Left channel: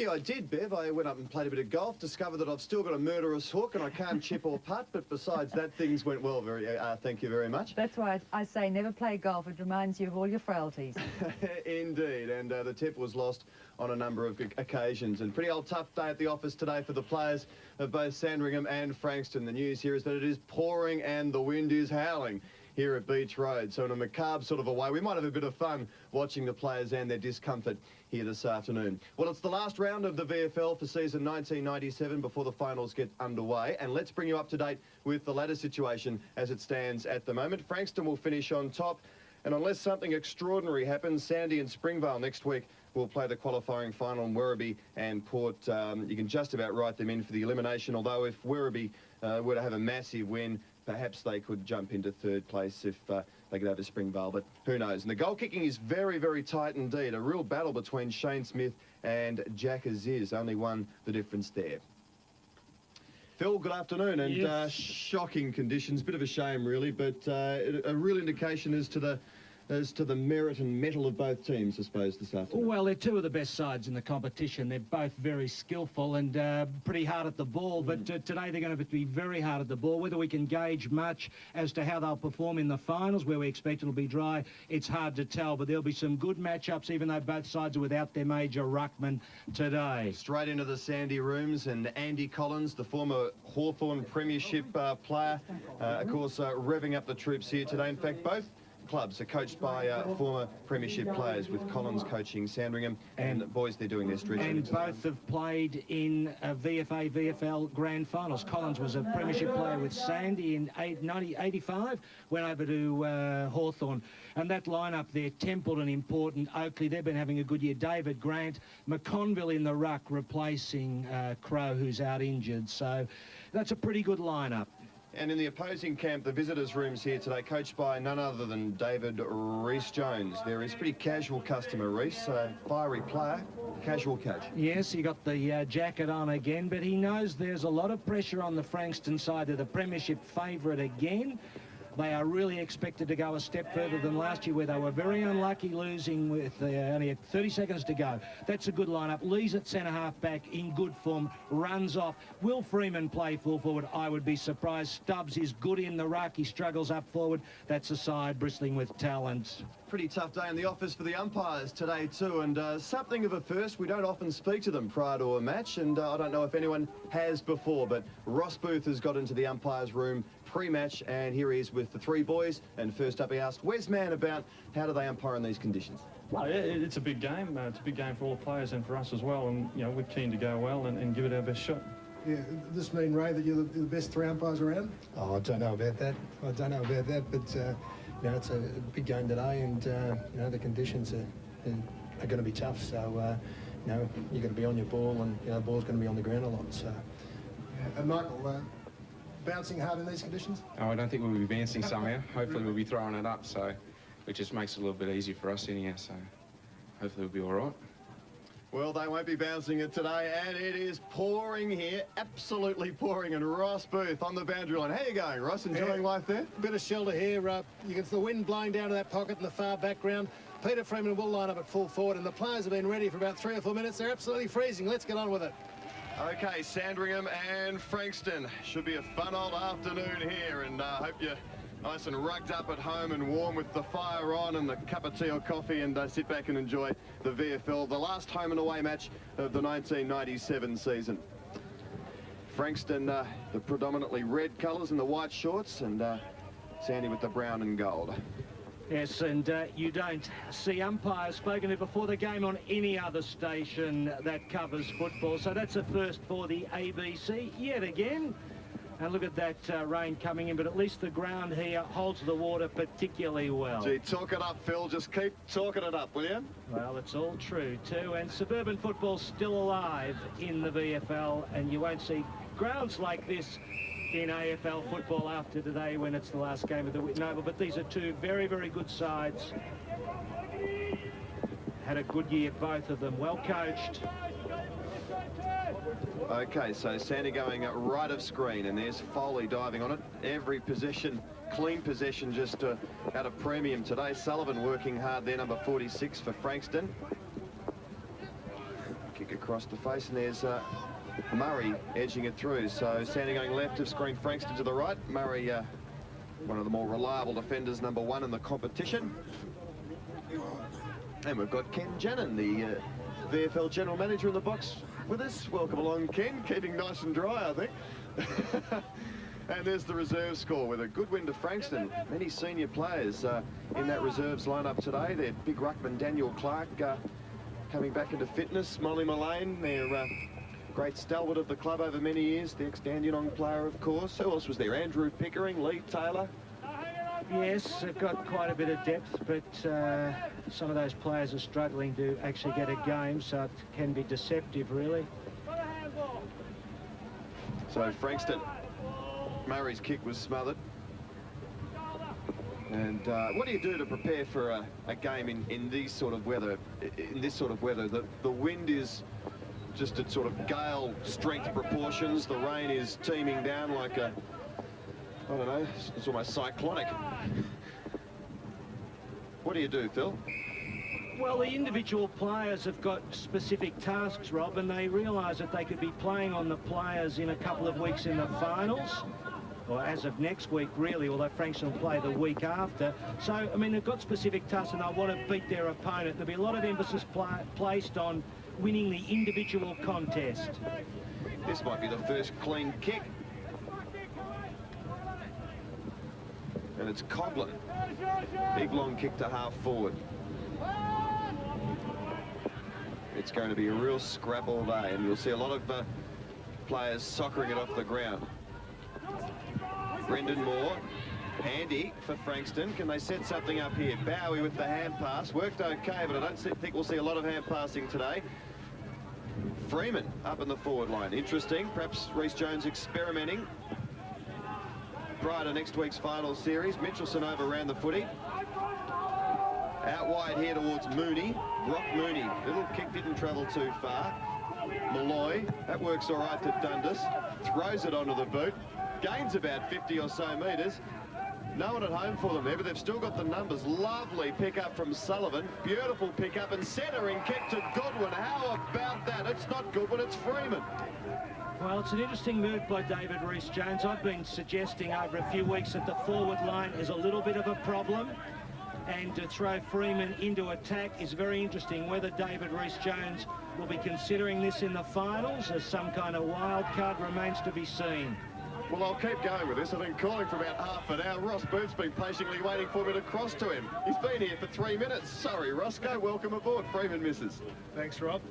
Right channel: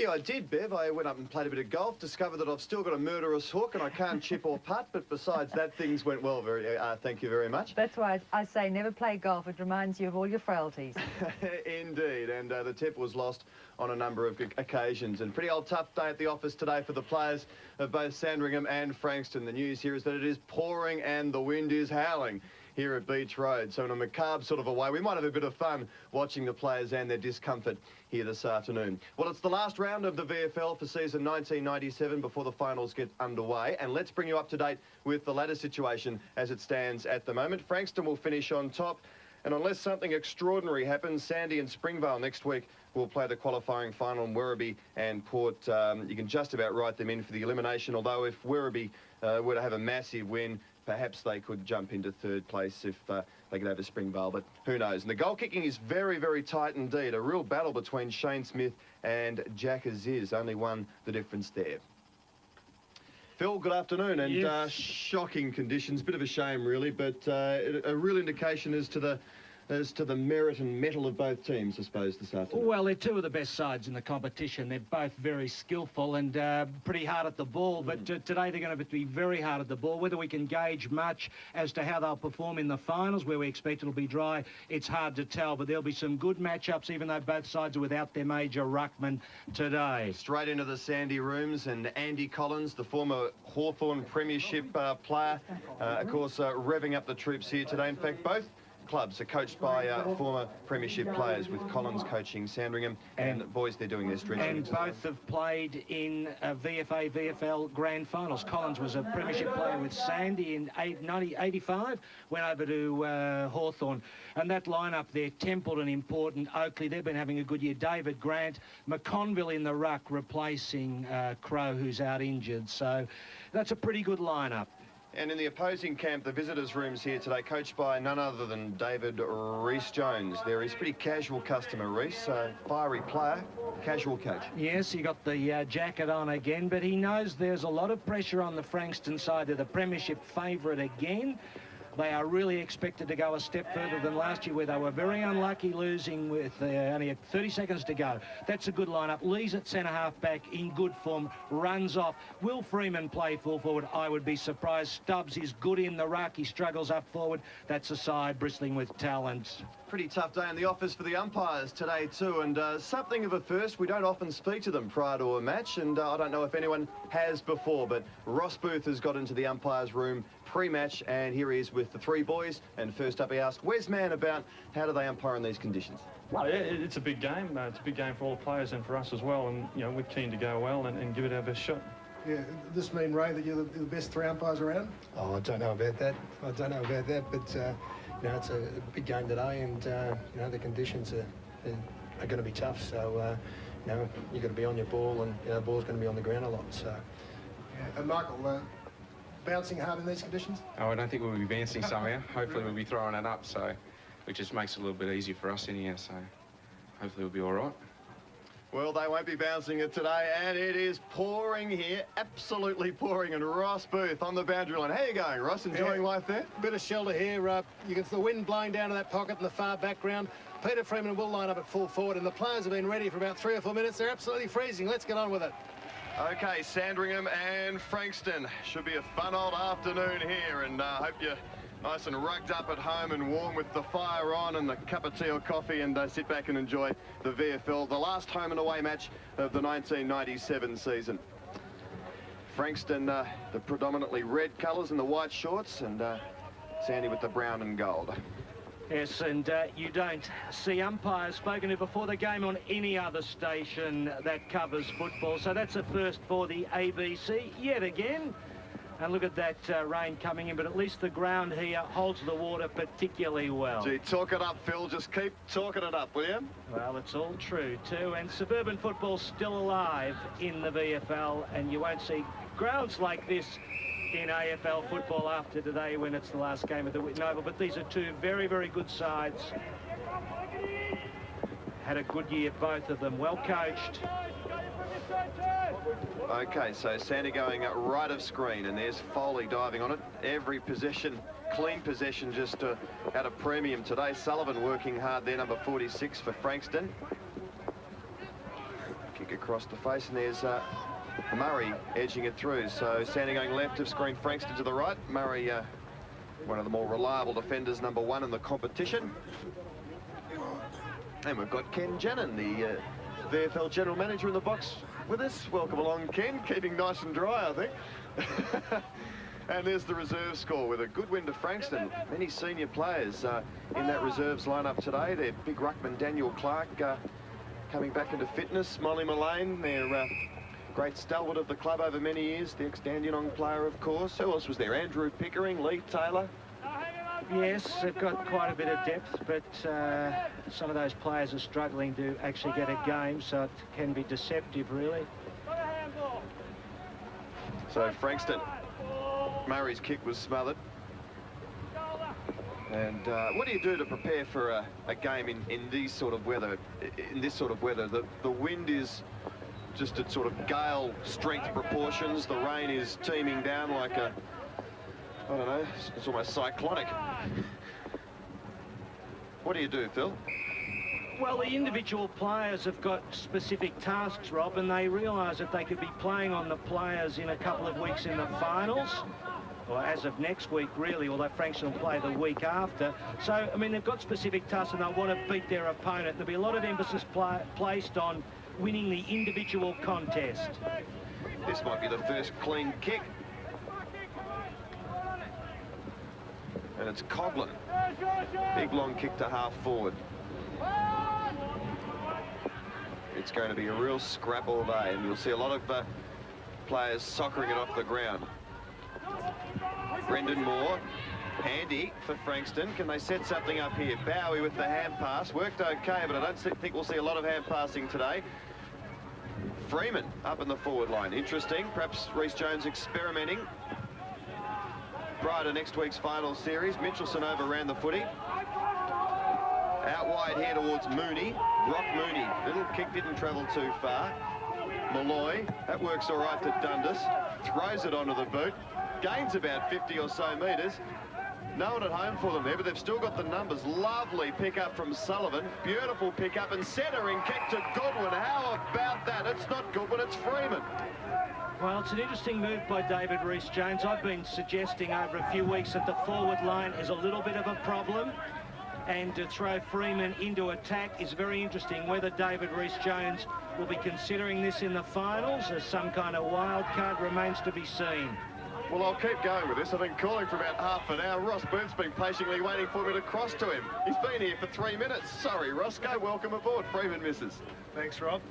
Yeah, I did, Bev. I went up and played a bit of golf, discovered that I've still got a murderous hook and I can't chip or putt, but besides that, things went well. Thank you very much. That's why I say never play golf. It reminds you of all your frailties. Indeed, and the tip was lost on a number of occasions. And pretty old tough day at the office today for the players of both Sandringham and Frankston. The news here is that it is pouring and the wind is howling here at Beach Road. So in a macabre sort of a way, we might have a bit of fun watching the players and their discomfort here this afternoon. Well, it's the last round of the VFL for season 1997 before the finals get underway. And let's bring you up to date with the ladder situation as it stands at the moment. Frankston will finish on top. And unless something extraordinary happens, Sandy and Springvale next week will play the qualifying final in Werribee and Port. You can just about write them in for the elimination, although if Werribee were to have a massive win, perhaps they could jump into third place if they could have a Springvale, but who knows. And the goal kicking is very, very tight indeed. A real battle between Shane Smith and Jack Aziz. Only one the difference there. Phil, good afternoon, and yes. Shocking conditions, bit of a shame really, but a real indication as to the merit and mettle of both teams, I suppose, this afternoon. Well, they're two of the best sides in the competition. They're both very skillful and pretty hard at the ball, but today they're going to be very hard at the ball. Whether we can gauge much as to how they'll perform in the finals, where we expect it'll be dry, it's hard to tell, but there'll be some good matchups, even though both sides are without their major ruckman today. Straight into the Sandy rooms, and Andy Collins, the former Hawthorn Premiership player, of course, revving up the troops here today. In fact, both clubs are coached by former Premiership players, with Collins coaching Sandringham, and boys, they're doing their stretching. And both have played in VFL Grand Finals. Collins was a Premiership player with Sandy in 1985, went over to Hawthorn. And that lineup there, Templeton important, Oakley, they've been having a good year. David Grant, McConville in the ruck, replacing Crow, who's out injured. So that's a pretty good lineup. And in the opposing camp, the visitors' rooms here today, coached by none other than David Rees-Jones. There is pretty casual customer, Rees, fiery player, casual coach. Yes, he got the jacket on again, but he knows there's a lot of pressure on the Frankston side. They're the Premiership favourite again. They are really expected to go a step further than last year, where they were very unlucky, losing with only 30 seconds to go. That's a good lineup. Lee's at centre-half back in good form, runs off. Will Freeman play full forward? I would be surprised. Stubbs is good in the ruck. He struggles up forward. That's a side bristling with talent. Pretty tough day in the office for the umpires today too, and something of a first. We don't often speak to them prior to a match, and I don't know if anyone has before, but Ross Booth has got into the umpires' room pre-match, and here he is with the three boys. And first up, he asked, "Where's Man about how do they umpire in these conditions?" Well, it's a big game. It's a big game for all the players and for us as well, and you know, we're keen to go well and give it our best shot. Yeah, does this mean, Ray, that you're the best three umpires around? Oh, I don't know about that. But you know, it's a big game today, and you know, the conditions are going to be tough. So you know, you've got to be on your ball, and you know, the ball's going to be on the ground a lot. So. Yeah. And Michael, bouncing hard in these conditions? Oh, I don't think we'll be bouncing somehow. Hopefully we'll be throwing it up, so it just makes it a little bit easier for us in here. So hopefully we'll be all right. Well, they won't be bouncing it today, and it is pouring here, absolutely pouring. And Ross Booth on the boundary line. How are you going, Ross? Enjoying life there? Bit of shelter here. You can see the wind blowing down to that pocket in the far background. Peter Freeman will line up at full forward, and the players have been ready for about 3 or 4 minutes. They're absolutely freezing. Let's get on with it. Okay, Sandringham and Frankston. Should be a fun old afternoon here, and I hope you're nice and rugged up at home and warm with the fire on and the cup of tea or coffee, and sit back and enjoy the VFL, the last home and away match of the 1997 season. Frankston, the predominantly red colours and the white shorts, and Sandy with the brown and gold. Yes, and you don't see umpires spoken to before the game on any other station that covers football. So that's a first for the ABC yet again. And look at that rain coming in, but at least the ground here holds the water particularly well. Gee, talk it up, Phil. Just keep talking it up, will you? Well, it's all true too. And suburban football's still alive in the VFL, and you won't see grounds like this in AFL football after today, when it's the last game of the Whitten Oval. But these are two very, very good sides. Had a good year, both of them. Well coached. Okay, so Sandy going right of screen, and there's Foley diving on it. Every possession, clean possession, just at a premium today. Sullivan working hard there, number 46 for Frankston. Kick kick across the face, and there's Murray edging it through. So Sandringham left of screen, Frankston to the right. Murray, one of the more reliable defenders, number 1 in the competition. And we've got Ken Jannon, the VFL General Manager, in the box with us. Welcome along, Ken. Keeping nice and dry, I think. And there's the reserve score with a good win to Frankston. Many senior players in that reserves lineup today. Their big ruckman Daniel Clark coming back into fitness. Molly Mullane, their great stalwart of the club over many years. The ex-Dandenong player, of course. Who else was there? Andrew Pickering, Lee Taylor. Yes, they've got quite a bit of depth, but some of those players are struggling to actually get a game, so it can be deceptive, really. So Frankston, Murray's kick was smothered. And what do you do to prepare for a game in this sort of weather? The wind is just at sort of gale strength proportions. The rain is teeming down like a, I don't know, it's almost cyclonic. What do you do, Phil? Well, the individual players have got specific tasks, Rob, and they realise that they could be playing on the players in a couple of weeks in the finals, or as of next week, really, although Frankston will play the week after. So, I mean, they've got specific tasks and they want to beat their opponent. There'll be a lot of emphasis placed on winning the individual contest. This might be the first clean kick. And it's Coughlin. Big long kick to half forward. It's going to be a real scrap all day, and you'll see a lot of players soccering it off the ground. Brendan Moore, handy for Frankston. Can they set something up here? Bowie with the hand pass. Worked okay, but I don't think we'll see a lot of hand passing today. Freeman up in the forward line. Interesting. Perhaps Rhys Jones experimenting prior to next week's final series. Mitchelson overran the footy. Out wide here towards Mooney. Brock Mooney. Little kick didn't travel too far. Malloy. That works all right to Dundas. Throws it onto the boot. Gains about 50 or so metres. No one at home for them there, but they've still got the numbers. Lovely pick up from Sullivan. Beautiful pick up and centering kick to Goodwin. How about that? It's not Goodwin, it's Freeman. Well, it's an interesting move by David Rhys Jones. I've been suggesting over a few weeks that the forward line is a little bit of a problem, and to throw Freeman into attack is very interesting. Whether David Rhys Jones will be considering this in the finals as some kind of wild card remains to be seen. Well, I'll keep going with this. I've been calling for about half an hour. Ross Booth's been patiently waiting for me to cross to him. He's been here for 3 minutes. Sorry, Roscoe. Welcome aboard. Freeman misses. Thanks, Rob.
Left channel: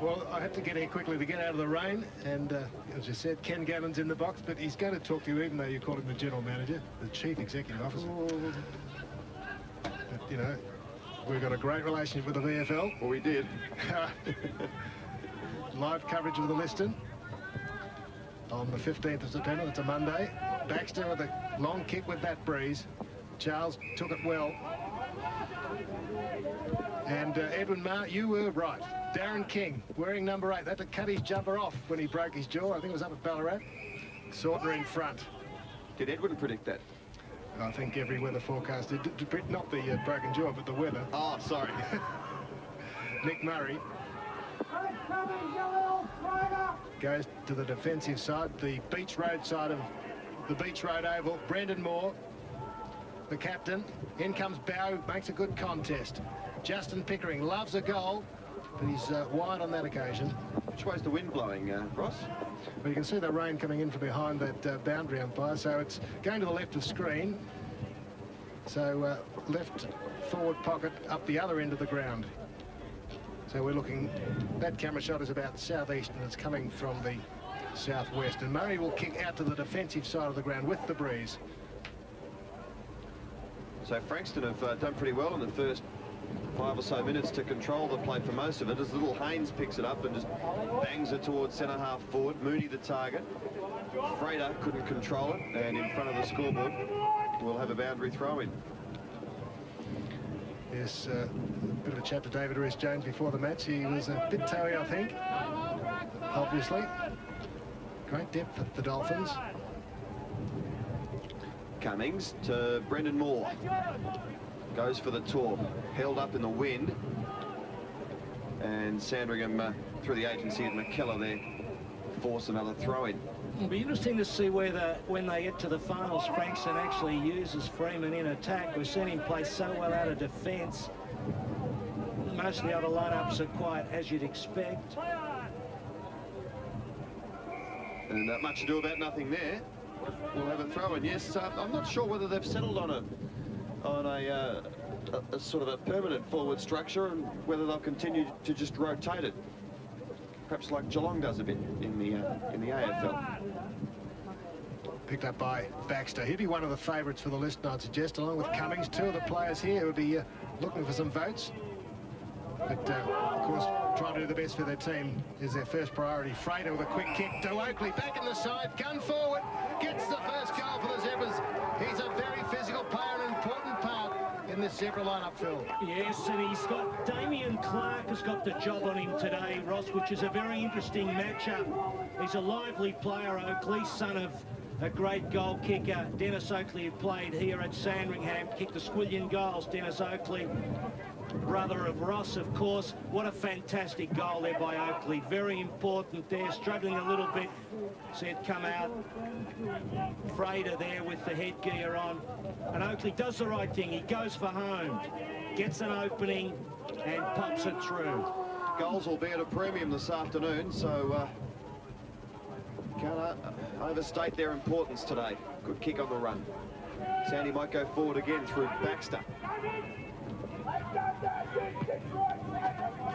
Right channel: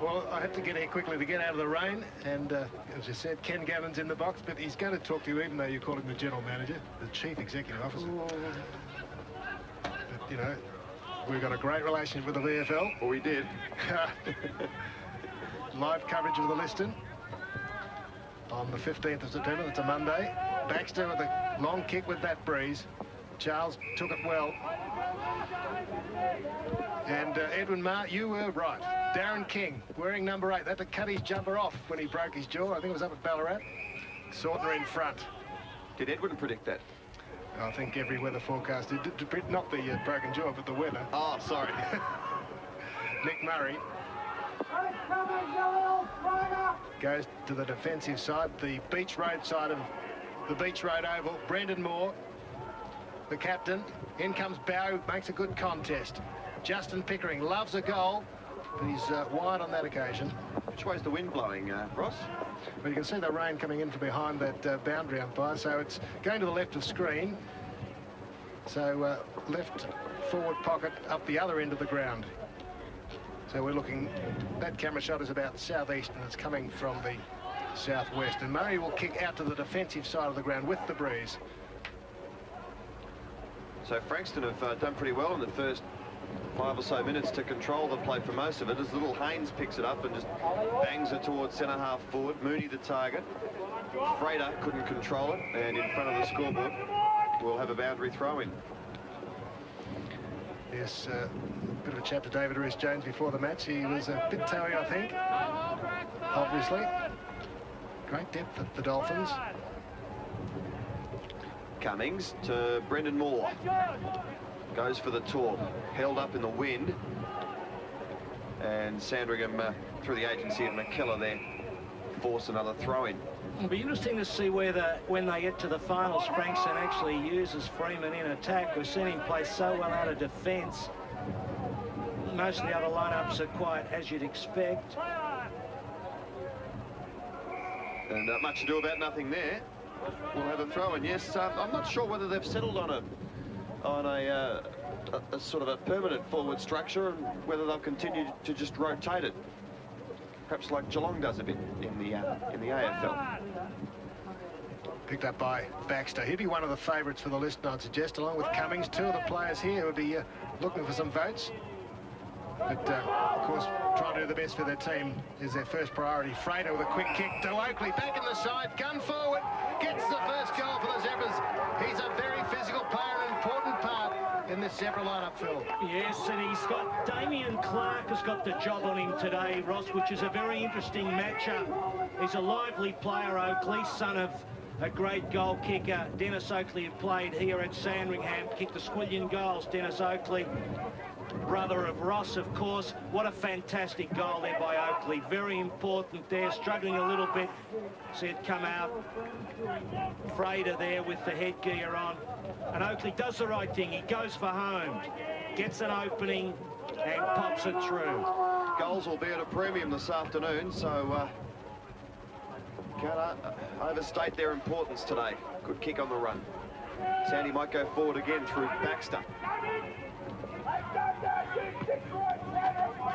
Well, I had to get here quickly to get out of the rain, and as you said, Ken Gavins in the box, but he's going to talk to you even though you call him the General Manager, the Chief Executive Officer. But, you know, we've got a great relationship with the VFL. Well, we did. Live coverage of the Liston on the 15th of September. That's a Monday. Baxter with a long kick with that breeze. Charles took it well. And Edwin Marr, you were right. Darren King, wearing number 8. That had to cut his jumper off when he broke his jaw. I think it was up at Ballarat. Sautner in front. Did Edwin predict that? I think every weather forecast did. Not the broken jaw, but the weather. Oh, sorry. Nick Murray goes to the defensive side, the Beach Road side of the Beach Road Oval. Brendan Moore, the captain. In comes Bow, makes a good contest. Justin Pickering loves a goal, but he's wide on that occasion. Which way's the wind blowing, Ross? Well, you can see the rain coming in from behind that boundary umpire, so it's going to the left of screen. So left forward pocket up the other end of the ground. So we're looking, that camera shot is about southeast and it's coming from the southwest. And Murray will kick out to the defensive side of the ground with the breeze. So Frankston have done pretty well in the first 5 or so minutes to control the play for most of it, as little Haynes picks it up and just bangs it towards centre half forward. Mooney the target. Frater couldn't control it, and in front of the scoreboard we'll have a boundary throw in. Yes, bit of a chat to David Rhys Jones before the match. He was a bit toey, I think, obviously. Great depth at the Dolphins. Cummings to Brendan Moore. Goes for the torp. Held up in the wind. And Sandringham through the agency of McKellar there, force another throw-in. It'll be interesting to see whether, when they get to the finals, Frankston actually uses Freeman in attack. We've seen him play so well out of defence. Most of the other lineups are quite as you'd expect. And much ado about nothing there. We'll have a throw-in. Yes, I'm not sure whether they've settled on a sort of a permanent forward structure, and whether they'll continue to just rotate it, perhaps like Geelong does a bit in the AFL. Picked up by Baxter. He'd be one of the favourites for the list, I'd suggest, along with Cummings. Two of the players here would be looking for some votes. But, of course, trying to do the best for their team is their first priority. Frater with a quick kick to Oakley. Back in the side, gun forward. Gets the first goal for the Zebras. He's a very physical player, an important part in this Zebra lineup, Phil. Yes, and he's got Damien Clark has got the job on him today, Ross, which is a very interesting matchup. He's a lively player, Oakley, son of a great goal kicker. Dennis Oakley, who played here at Sandringham, kicked the squillion goals. Dennis Oakley, brother of Ross, of course. What a fantastic goal there by Oakley. Very important there, struggling a little bit. See it come out. Frater there with the headgear on. And Oakley does the right thing. He goes for home, gets an opening and pops it through. Goals will be at a premium this afternoon, so can't overstate their importance today. Good kick on the run. Sandy might go forward again through Baxter.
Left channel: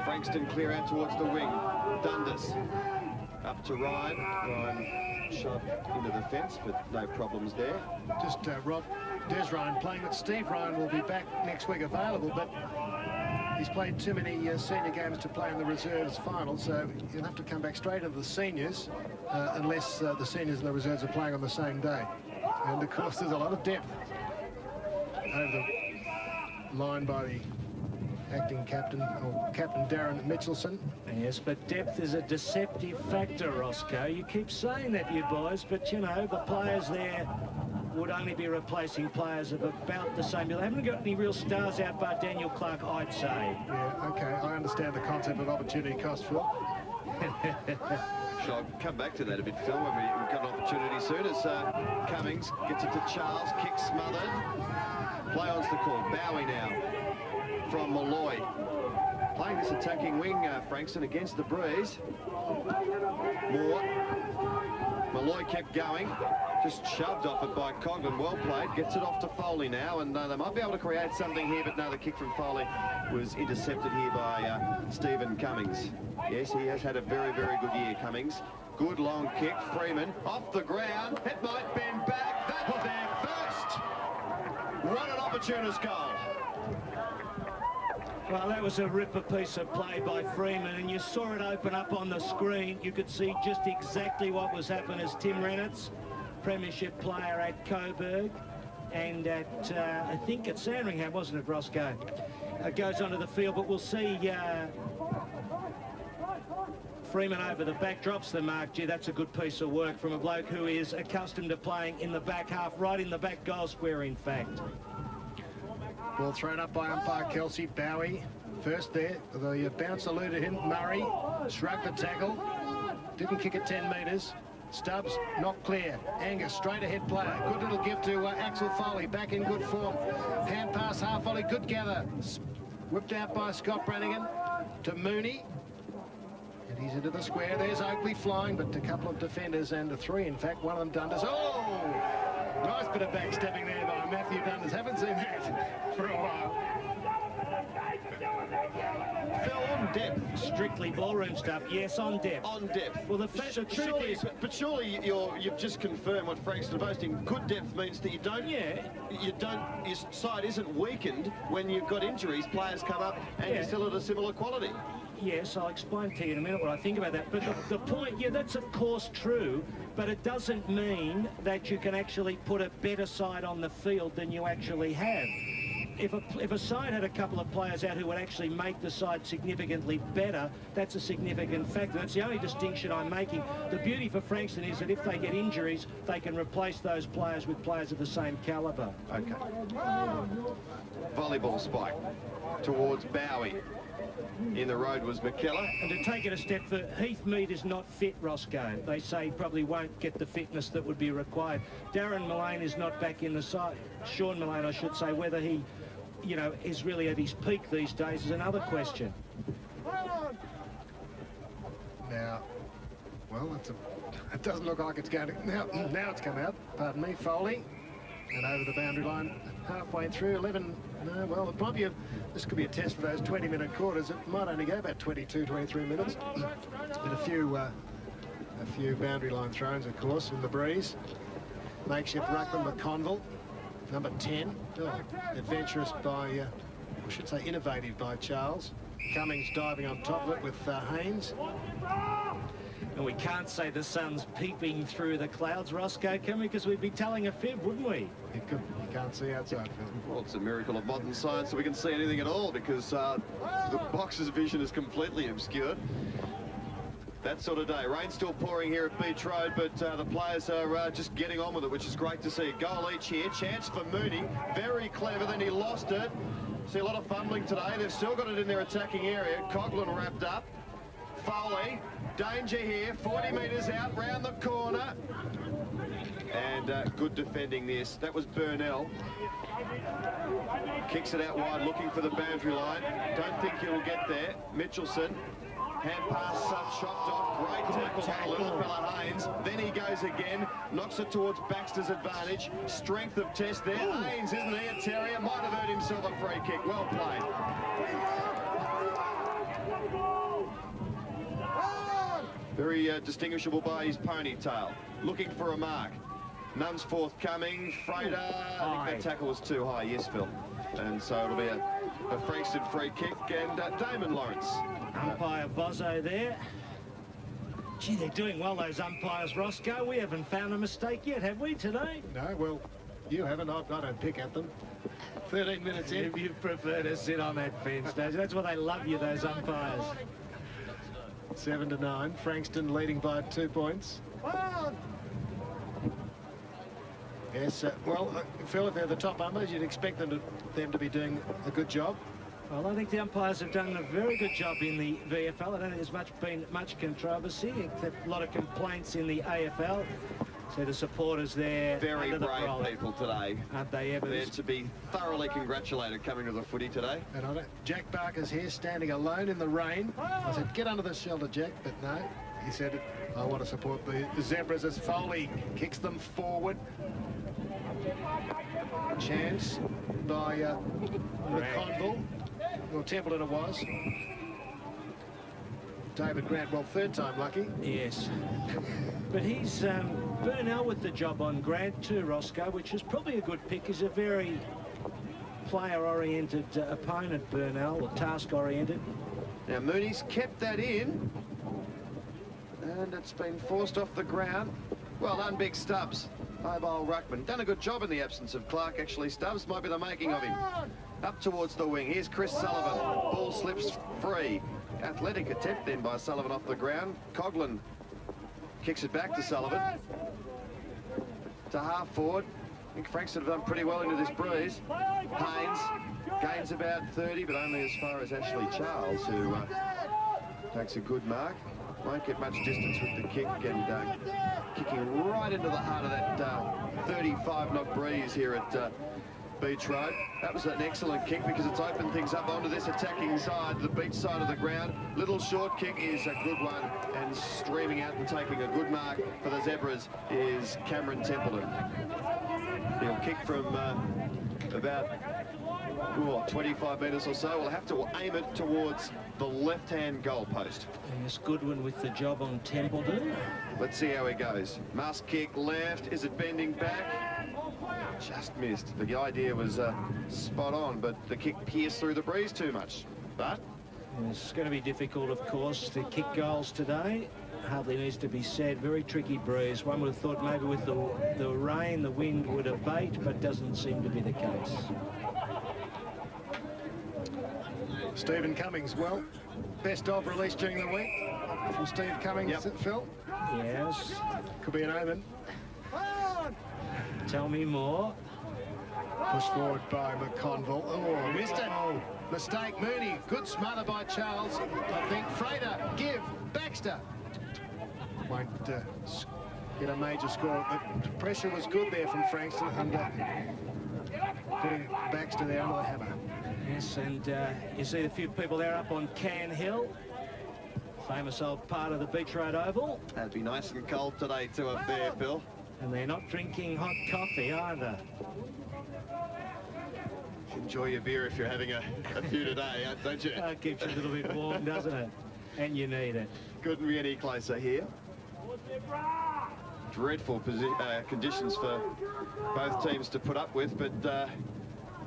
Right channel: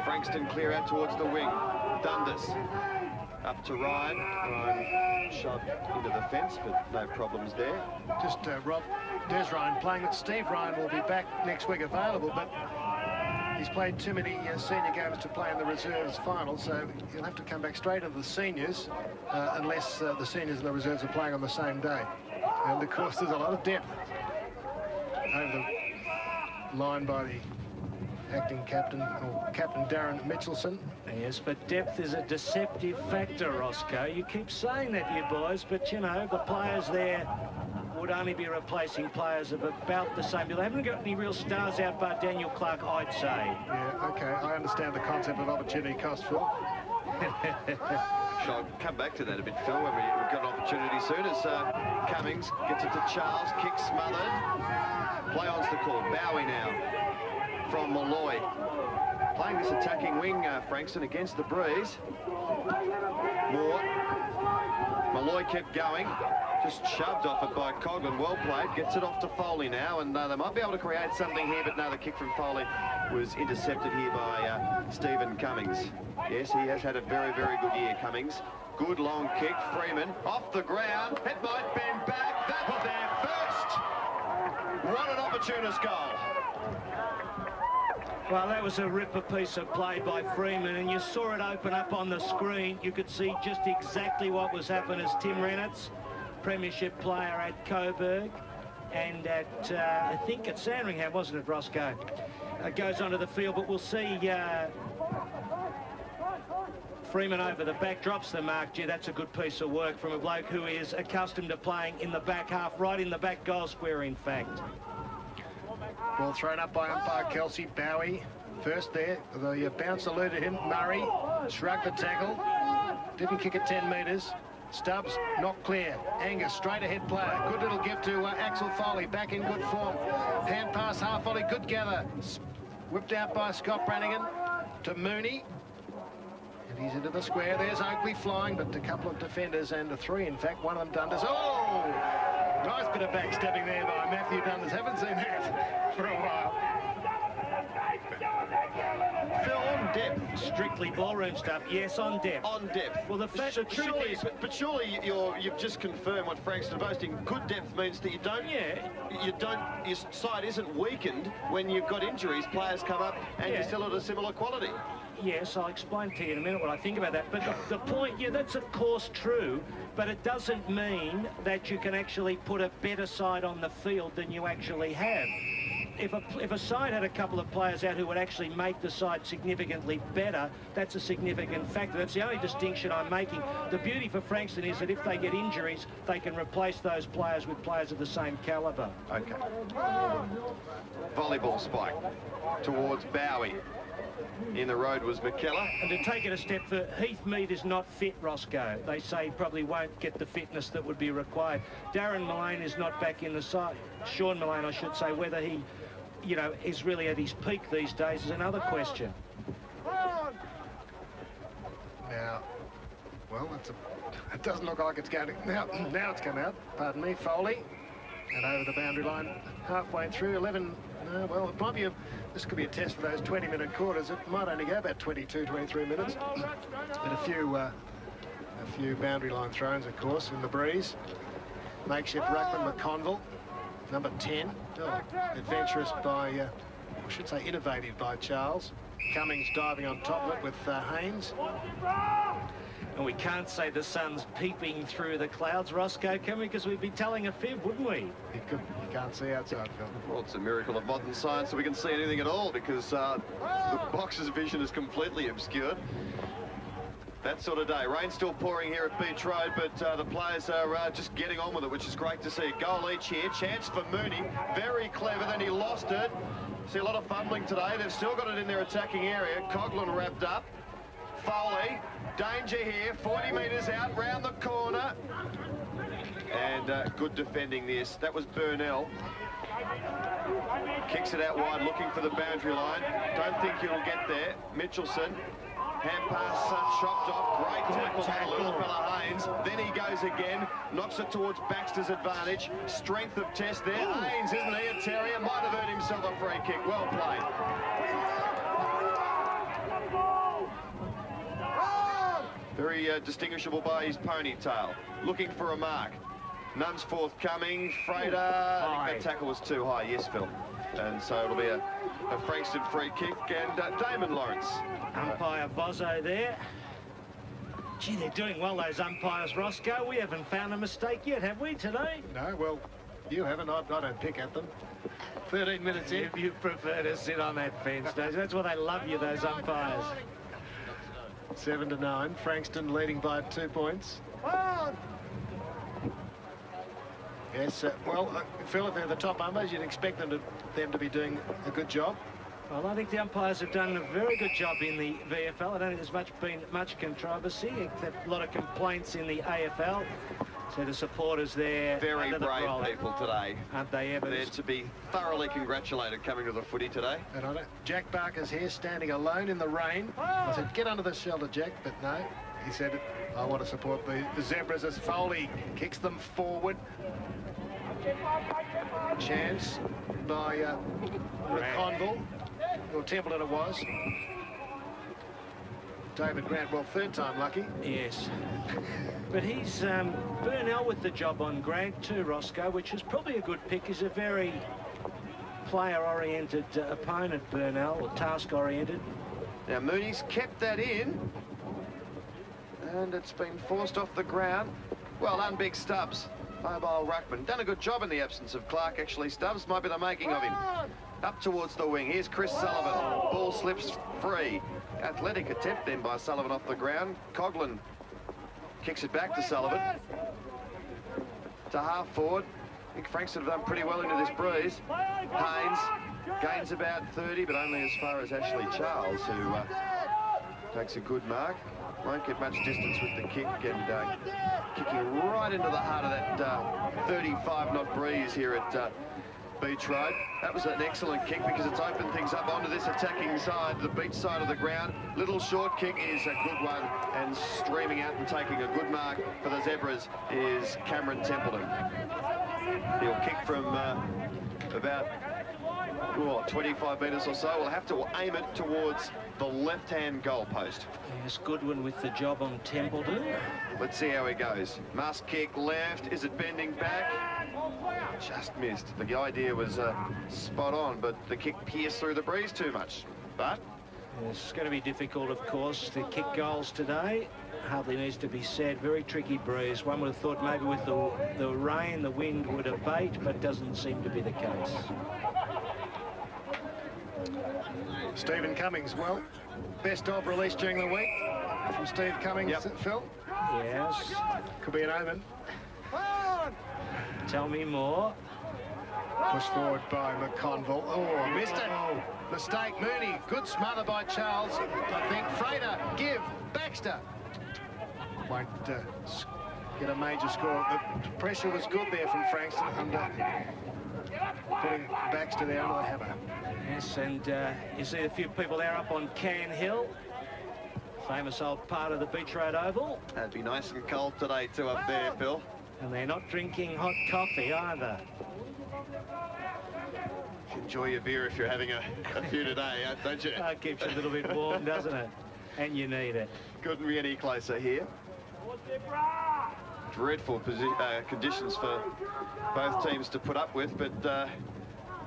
Frankston clear out towards the wing. Dundas up to Ryan. Ryan shoved into the fence, but no problems there. Just Rob, Des Ryan playing it. Steve Ryan will be back next week available, but he's played too many senior games to play in the reserves final, so he'll have to come back straight into the seniors unless the seniors and the reserves are playing on the same day. And of course there's a lot of depth over the line by the acting captain, or Captain Darren Mitchelson. Yes, but depth is a deceptive factor, Roscoe. You keep saying that, you boys, but you know, the players there would only be replacing players of about the same. They haven't got any real stars out by Daniel Clark, I'd say. Yeah, okay, I understand the concept of opportunity cost, Phil. I'll come back to that a bit, Phil, when we've got an opportunity soon, as Cummings gets it to Charles, kick smothered. Play on's the call. Bowie now from Malloy. Playing this attacking wing, Frankston, against the breeze. Moore. Malloy kept going. Just shoved off it by Coghlan. Well played. Gets it off to Foley now, and they might be able to create something here, but no, the kick from Foley was intercepted here by Stephen Cummings. Yes, he has had a very, very good year, Cummings. Good long kick. Freeman off the ground. It might bend back. That was our first. What an opportunist goal. Well, that was a ripper piece of play by Freeman, and you saw it open up on the screen. You could see just exactly what was happening as Tim Rennertz, premiership player at Coburg, and at, I think at Sandringham, wasn't it, Roscoe? Goes onto the field, but we'll see Freeman over the back, drops the mark. Gee, that's a good piece of work from a bloke who is accustomed to playing in the back half, right in the back goal square, in fact. Ball thrown up by umpire Kelsey. Bowie first there. The bounce eluded him. Murray shrugged the tackle. Didn't kick it 10 metres. Stubbs not clear. Angus straight ahead player. Good little give to Axel Foley. Back in good form. Hand pass half volley. Good gather. Whipped out by Scott Brannigan to Mooney. And he's into the square. There's Oakley flying, but a couple of defenders and a three, in fact. One of them Dundas. Oh! Nice bit of backstepping there by Matthew Dundas. Haven't seen that for a while. Phil, on depth. Strictly ballroom stuff. Yes, on depth. On depth. Well, the truth is... But surely you've just confirmed what Frankston are boasting. Good depth means that your side isn't weakened when you've got injuries. Players come up and you're still at a similar quality. Yes, I'll explain to you in a minute what I think about that. But the point, yeah, that's of course true, but it doesn't mean that you can actually put a better side on the field than you actually have. If a side had a couple of players out who would actually make the side significantly better, that's a significant factor. That's the only distinction I'm making. The beauty for Frankston is that if they get injuries, they can replace those players with players of the same calibre. Okay. Volleyball spike towards Bowie. In the road was McKellar. And to take it a step further, Heathmead is not fit, Roscoe. They say he probably won't get the fitness that would be required. Darren Mullane is not back in the side. Sean Mullane, I should say. Whether he, you know, is really at his peak these days is another question. Now, well, it doesn't look like it's going to... Now it's come out. Pardon me, Foley. And over the boundary line, halfway through, 11... well, it might be this could be a test for those 20-minute quarters. It might only go about 22, 23 minutes. And a few boundary line throws, of course, in the breeze. Makeshift ruckman McConville, number 10. Oh, adventurous by, I should say innovative by Charles. Cummings diving on top of it with Haynes. And we can't say the sun's peeping through the clouds, Roscoe, can we? Because we'd be telling a fib, wouldn't we? You can't see outside, Phil. Well, it's a miracle of modern science that we can see anything at all, because the boxer's vision is completely obscured. That sort of day. Rain still pouring here at Beach Road, but the players are just getting on with it, which is great to see. Goal each here. Chance for Mooney. Very clever, then he lost it. See a lot of fumbling today. They've still got it in their attacking area. Coughlin wrapped up. Foley, danger here, 40 metres out, round the corner. And good defending this. That was Burnell. Kicks it out wide, looking for the boundary line. Don't think he'll get there. Mitchelson, hand pass, chopped off. Great tackle, little fella Haynes. Then he goes again, knocks it towards Baxter's advantage. Strength of test there. Haynes, isn't he, a terrier? Might have earned himself a free kick. Well played. Very distinguishable by his ponytail. Looking for a mark. None's forthcoming. Frater, I think that tackle was too high. Yes, Phil. And so it'll be a Frankston free kick. And Damon Lawrence. Umpire Bozzo there. Gee, they're doing well, those umpires, Roscoe. We haven't found a mistake yet, have we, today? No, well, you haven't. I don't pick at them. 13 minutes in. You prefer to sit on that bench. That's why they love you, those umpires. 7-9. Frankston leading by 2 points. Yes, well, Phil, if they're the top umpires, you'd expect them to be doing a good job. Well, I think the umpires have done a very good job in the VFL. I don't think there's been much controversy, except a lot of complaints in the AFL. So the supporters there... Very brave people today. Aren't they ever? They're to be thoroughly congratulated coming to the footy today. And on it, Jack Barker's here standing alone in the rain. I said, get under the shelter, Jack, but no. He said, I want to support the Zebras as Foley kicks them forward. Chance by McConville, or Templeton it was. David Grant, well, third time lucky. Yes. But he's Burnell with the job on Grant too, Roscoe, which is probably a good pick. He's a very player-oriented opponent, Burnell, or task-oriented. Now, Mooney's kept that in. And it's been forced off the ground. Well done, Big Stubbs. Mobile ruckman. Done a good job in the absence of Clark, actually. Stubbs might be the making of him. Up towards the wing. Here's Chris Sullivan. Ball slips free. Athletic attempt then by Sullivan off the ground. Coughlin kicks it back to Sullivan. To half forward. I think Frankston have done pretty well into this breeze. Haynes gains about 30, but only as far as Ashley Charles, who takes a good mark. Won't get much distance with the kick, and kicking right into the heart of that 35-knot breeze here at Beach Road. That was an excellent kick because it's opened things up onto this attacking side, the beach side of the ground. Little short kick is a good one, and streaming out and taking a good mark for the Zebras is Cameron Templeton. He'll kick from about 25 metres or so. We'll have to aim it towards the left-hand goal post. Yes, Goodwin with the job on Templeton. Let's see how he goes. Must kick left. Is it bending back? Just missed. The idea was spot on, but the kick pierced through the breeze too much. But it's going to be difficult, of course, to kick goals today. Hardly needs to be said. Very tricky breeze. One would have thought maybe with the rain, the wind would abate, but doesn't seem to be the case. Stephen Cummings, well, best of release during the week from Steve Cummings, Phil. Yes. Could be an omen. Tell me more. Pushed forward by McConville. Oh, missed it. Mistake, Mooney. Good smother by Charles. I think Frater, give, Baxter. Won't get a major score. The pressure was good there from Frankston under putting Baxter there under the hammer. Yes, and you see a few people there up on Can Hill. Famous old part of the Beach Road Oval. That'd be nice and cold today too up there, Bill. And they're not drinking hot coffee either. Enjoy your beer if you're having a few today, don't you? It keeps you a little bit warm, doesn't it? And you need it. Couldn't be any closer here. Dreadful conditions for both teams to put up with, but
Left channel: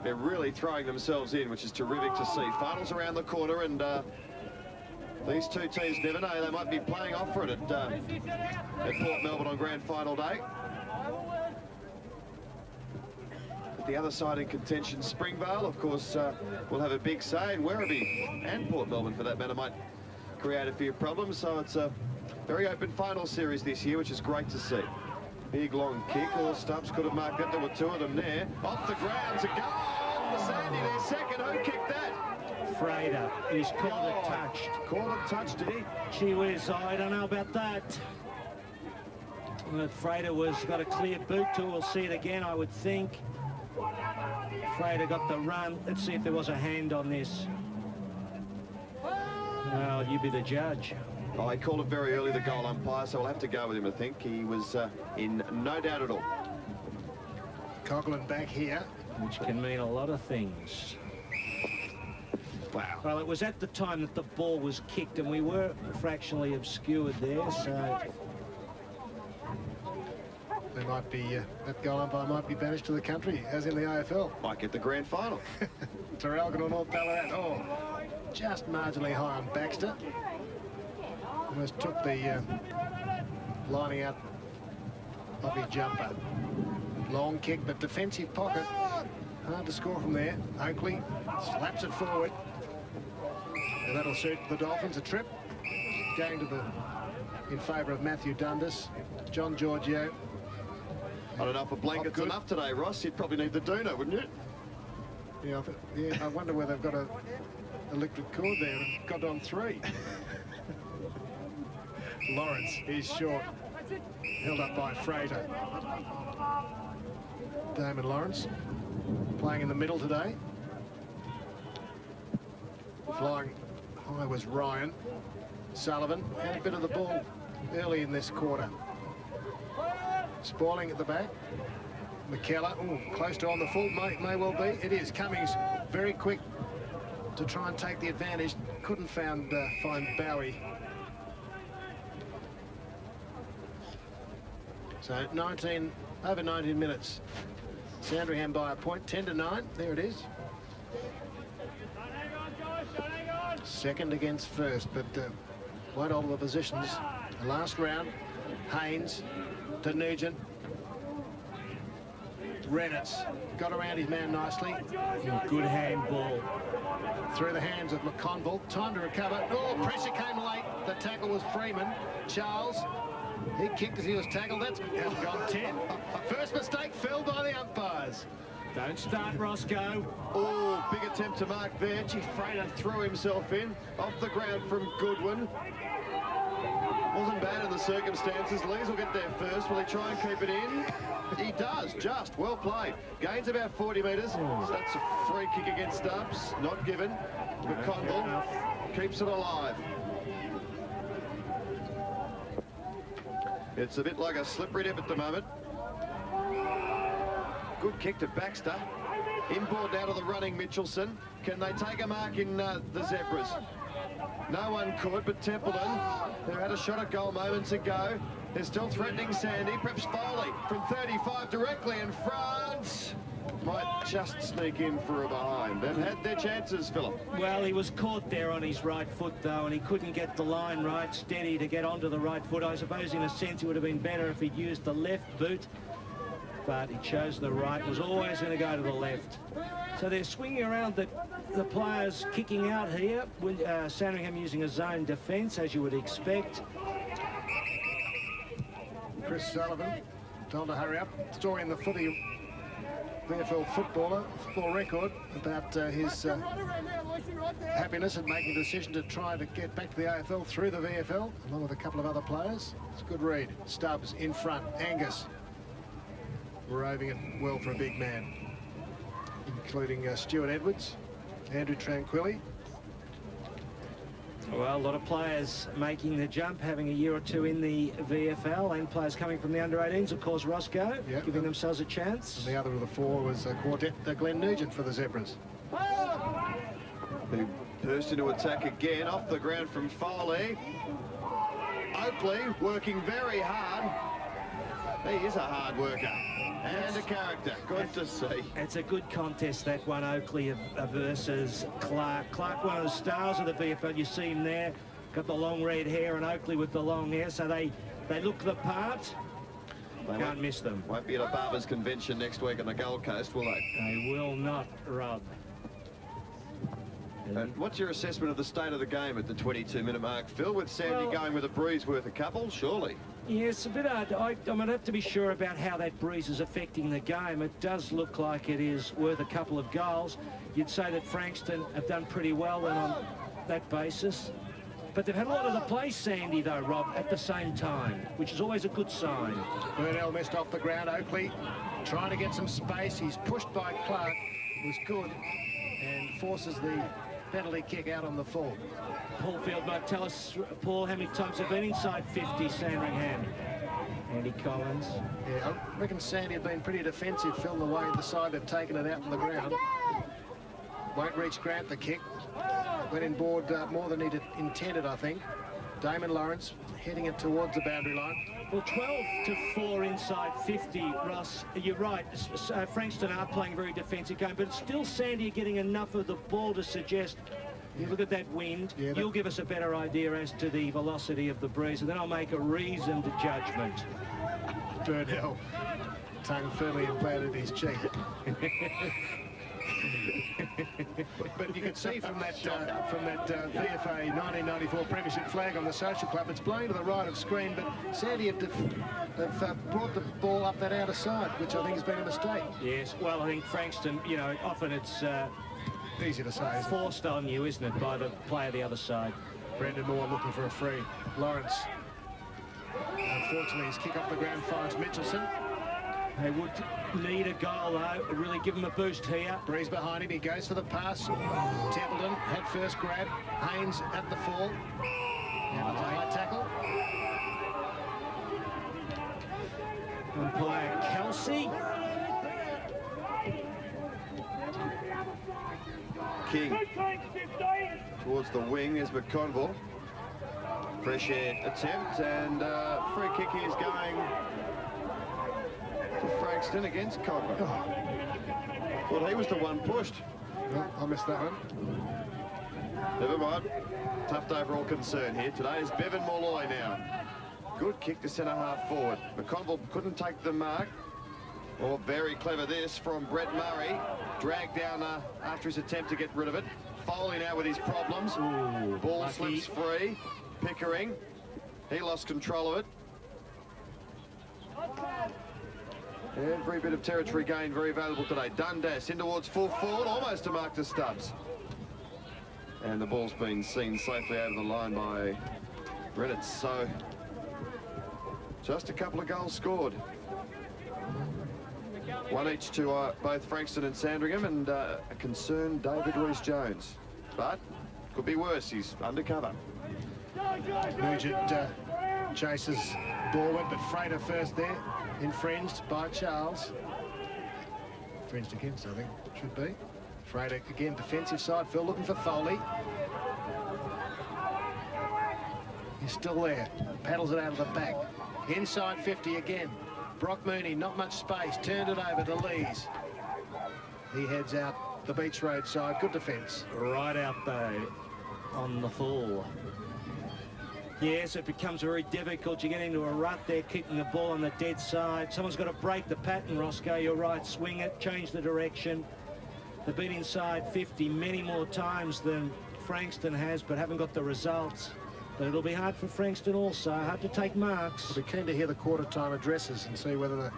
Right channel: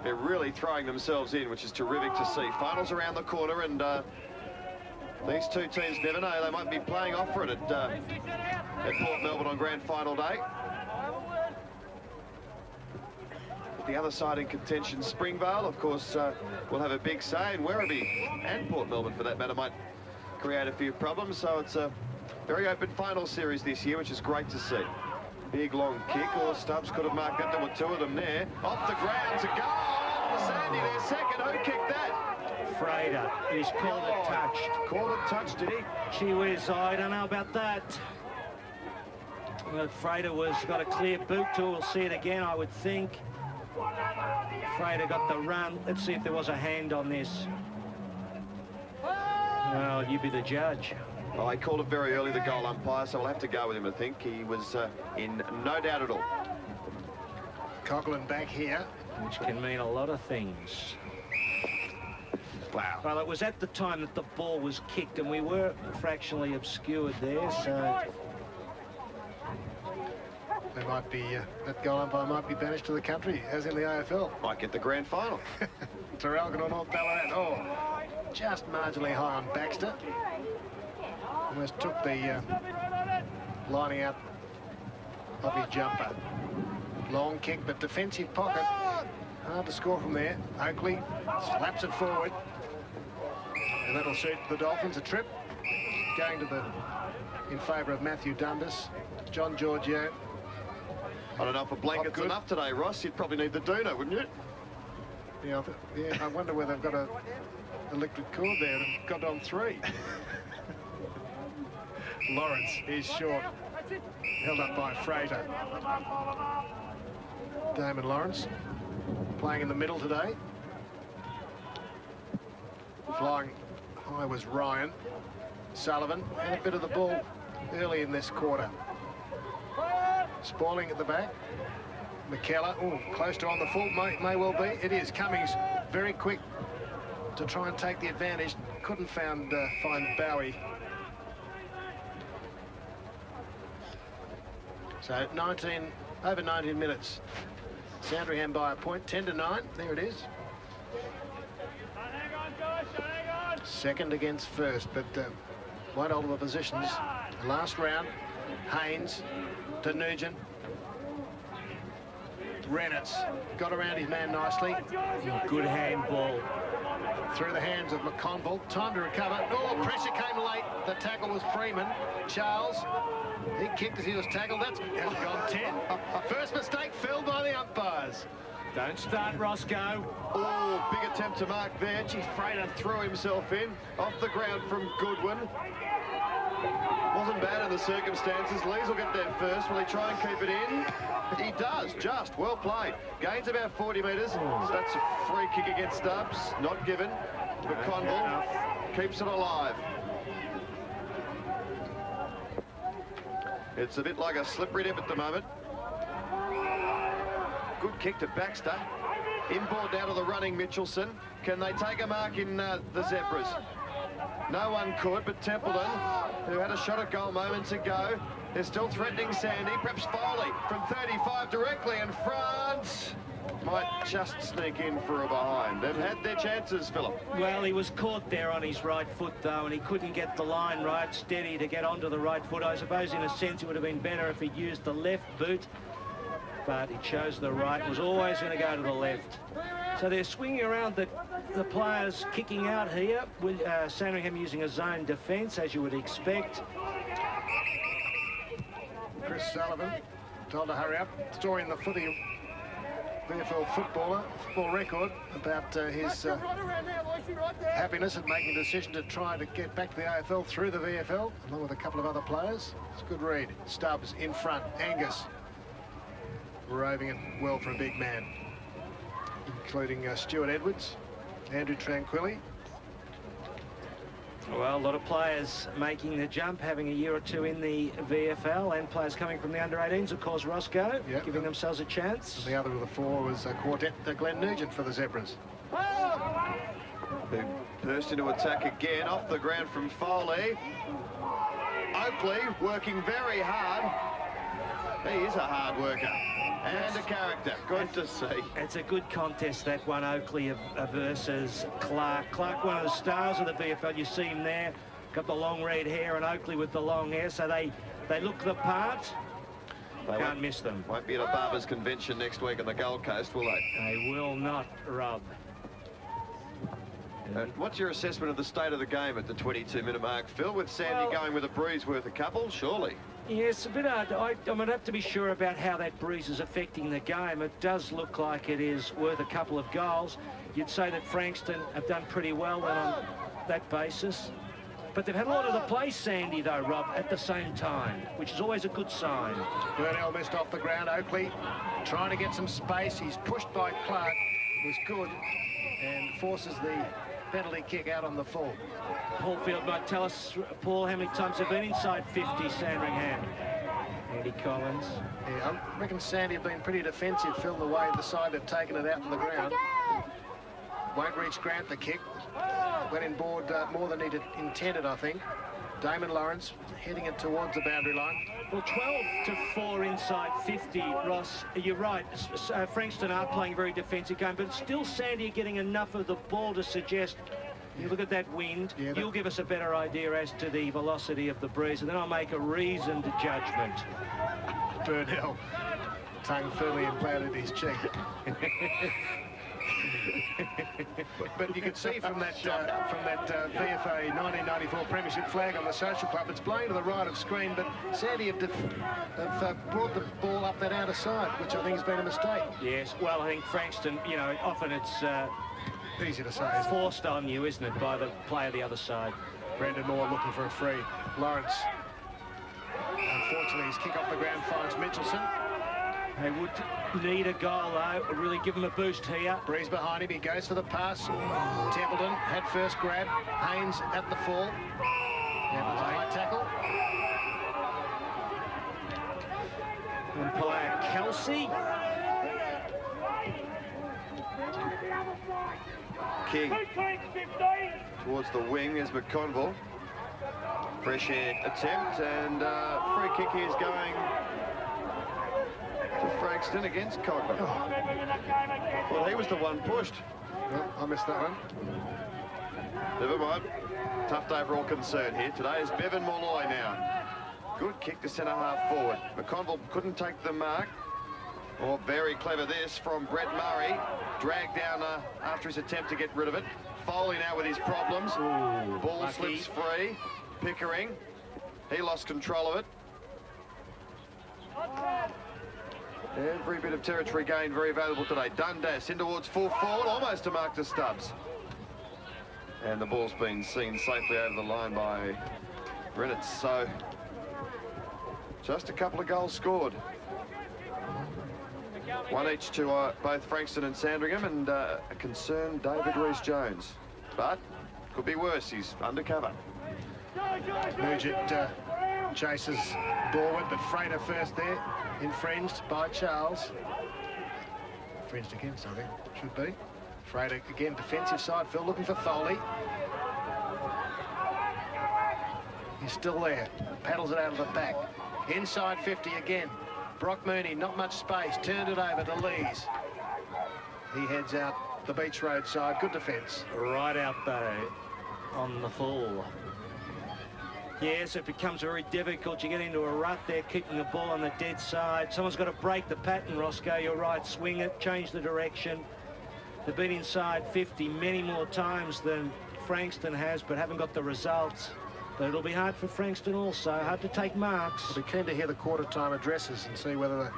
they're really throwing themselves in, which is terrific to see. Finals around the corner, and these two teams never know. They might be playing off for it at Port Melbourne on grand final day. The other side in contention, Springvale, of course, will have a big say, and Werribee and Port Melbourne, for that matter, might create a few problems. So it's a very open final series this year, which is great to see. Big long kick. Well, Stubbs could have marked that. There were two of them there. Off the ground to go. Sandy there second. Who kicked that? Frater. He's called it touched. Called it touched, did he? Gee whiz, I don't know about that. Well, Frater got a clear boot to. We'll see it again, I would think. Frater got the run. Let's see if there was a hand on this. Well, you be the judge. Well, he called it very early, the goal umpire, so we'll have to go with him, I think. He was in no doubt at all. Coughlin back here. Which can mean a lot of things. Wow. Well, it was at the time that the ball was kicked, and we were fractionally obscured there, so... They might be, that goal umpire might be banished to the country, as in the AFL. Might get the grand final. Traralgon or North Ballarat. Oh, just marginally high on Baxter. Almost took the lining out of his jumper. Long kick, but defensive pocket. Hard to score from there. Oakley slaps it forward. And that'll suit the Dolphins. A trip going to in favour of Matthew Dundas. John Giorgio. I don't know if a blanket's enough today, Ross. You'd probably need the doona, wouldn't you? Yeah, I wonder whether they've got a electric cord there. They've got on 3. Lawrence is short. Held up by Frater. Damon Lawrence playing in the middle today. Flying high was Ryan. Sullivan had a bit of the ball early in this quarter. Spawning at the back. McKellar, close to on the full, may well be. It is. Cummings very quick to try and take the advantage. Couldn't find Bowie. So over 19 minutes. Sandringham by a point, 10-9. There it is. Second against first, but quite all of the positions. Last round, Haynes to Nugent. Reynolds got around his man nicely. Good handball. Through the hands of McConville. Time to recover. Oh, pressure came late. The tackle was Freeman. Charles, he kicked as he was tackled. That's gone 10. First mistake felled by the umpires. Don't start, Roscoe. Oh, big attempt to mark there. Gee, Frater threw himself in. Off the ground from Goodwin. Wasn't bad in the circumstances. Lees will get there first. Will he try and keep it in? He does, just. Well played. Gains about 40 metres. So that's a free kick against Stubbs. Not given. McConville keeps it alive. It's a bit like a slippery dip at the moment. Good kick to Baxter. Inboard down to the running Mitchelson. Can they take a mark in the Zebras? No one could, but Templeton, who had a shot at goal moments ago, is still threatening Sandy. Perhaps Foley from 35 directly, and France might just sneak in for a behind. They've had their chances, Philip. Well, he was caught there on his right foot, though, and he couldn't get the line right, steady to get onto the right foot. I suppose, in a sense, it would have been better if he'd used the left boot, but he chose the right. Was always going to go to the left. So they're swinging around the players kicking out here, with Sandringham using a zone defence, as you would expect. Chris Sullivan told to hurry up. Story in the footy VFL football record about his happiness at making a decision to try to get back to the AFL through the VFL, along with a couple of other players. It's a good read. Stubbs in front. Angus roving it well for a big man, including Stuart Edwards, Andrew Tranquilli. Well, a lot of players making the jump, having a year or two in the VFL, and players coming from the under-18s, of course, Roscoe, giving themselves a chance. And the other of the four was quartet Glenn Nugent for the Zebras. They burst into attack again, off the ground from Foley. Oakley working very hard. He is a hard worker and a character. Good to see. It's a good contest, that one, Oakley versus Clark. Clark, one of the stars of the VFL. You see him there, got the long red hair, and Oakley with the long hair, so they look the part. Can't miss them. Won't be at a Barbers convention next week on the Gold Coast, will they? They will not, Rob. What's your assessment of the state of the game at the 22-minute mark, Phil? With Sandy going with a breeze worth a couple, surely? Yes, a bit hard. I'm going to have to be sure about how that breeze is affecting the game. It does look like it is worth a couple of goals. You'd say that Frankston have done pretty well on that basis. But they've had a lot of the play, Sandy, though, Rob, at the same time, which is always a good sign. Burnell missed off the ground. Oakley trying to get some space. He's pushed by Clark, who's good, and forces the penalty kick out on the full. Paul Field might tell us, Paul, how many times they've been inside 50, Sandringham. Andy Collins. Yeah, I reckon Sandy have been pretty defensive, Phil, the way the side they've taken it out on the ground. Won't reach Grant the kick. Went in board more than he intended, I think. Damon Lawrence heading it towards the boundary line. Well, 12-4 inside 50, Ross. You're right. Frankston are playing a very defensive game, but still Sandy getting enough of the ball to suggest, you look at that wind, you'll give us a better idea as to the velocity of the breeze, and then I'll make a reasoned judgment. Burnell, tongue firmly implanted in his cheek. But you can see from that VFA 1994 Premiership flag on the Social Club, it's blown to the right of screen, but Sandy have brought the ball up that outer side, which I think has been a mistake. Yes, well, I think Frankston, you know, often it's easy to say, forced on you, isn't it, by the player the other side. Brendan Moore looking for a free. Lawrence, unfortunately, his kick off the ground finds Mitchelson. They would need a goal, though. Really give him a boost here. Breeze behind him. He goes for the pass. Templeton had first grab. Haynes at the fall. Now it's a high tackle. Umpire Kelsey. King towards the wing is McConville. Appreciate attempt, and free kick is going to Frankston against Cogman. Well, he was the one pushed. Well, I missed that one. Never mind. Tough day for all concerned here. Today is Bevan Molloy now. Good kick to centre half forward. McConville couldn't take the mark. Oh, very clever this from Brett Murray. Dragged down after his attempt to get rid of it. Foley now with his problems. Ooh, ball lucky. slips free. Pickering. He lost control of it. Every bit of territory gained very valuable today. Dundas in towards full forward, almost to mark to Stubbs. And the ball's been seen safely over the line by Redditz. So just a couple of goals scored. One each to both Frankston and Sandringham, and a concerned David Rees-Jones. But could be worse, he's undercover. Nugent chases Dorward, but Frater first there. Infringed by Charles. Infringed against, I think, should be. Frater again, defensive side. Phil looking for Foley. He's still there. Paddles it out of the back. Inside 50 again. Brock Mooney, not much space. Turned it over to Lees. He heads out the Beach Road side. Good defence. Right out though on the full. Yes, it becomes very difficult. You get into a rut there, kicking the ball on the dead side. Someone's got to break the pattern, Roscoe. You're right. Swing it, change the direction. They've been inside 50 many more times than Frankston has, but haven't got the results. But it'll be hard for Frankston also. Hard to take marks. We'll be keen to hear the quarter-time addresses and see whether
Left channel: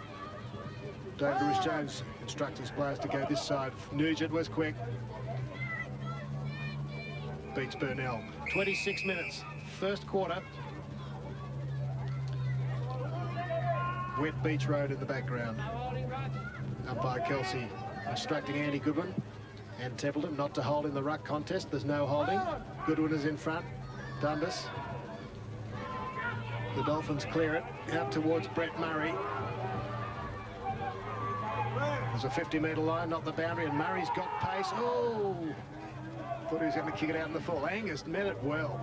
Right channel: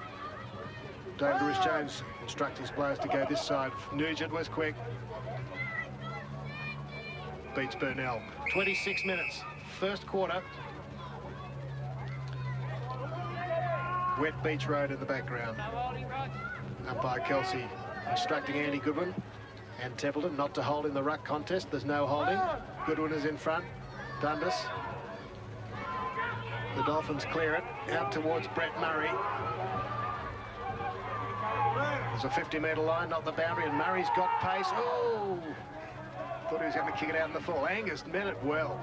David Rhys-Jones instructs his players to go this side. Nugent was quick. Beats Burnell. 26 minutes, first quarter. Wet Beach Road in the background. Umpire Kelsey instructing Andy Goodwin and Templeton not to hold in the ruck contest. There's no holding. Goodwin is in front. Dundas. The Dolphins clear it out towards Brett Murray. There's a 50-metre line, not the boundary, and Murray's got pace. Oh! Thought he was going to kick it out in the full. Angus met it well.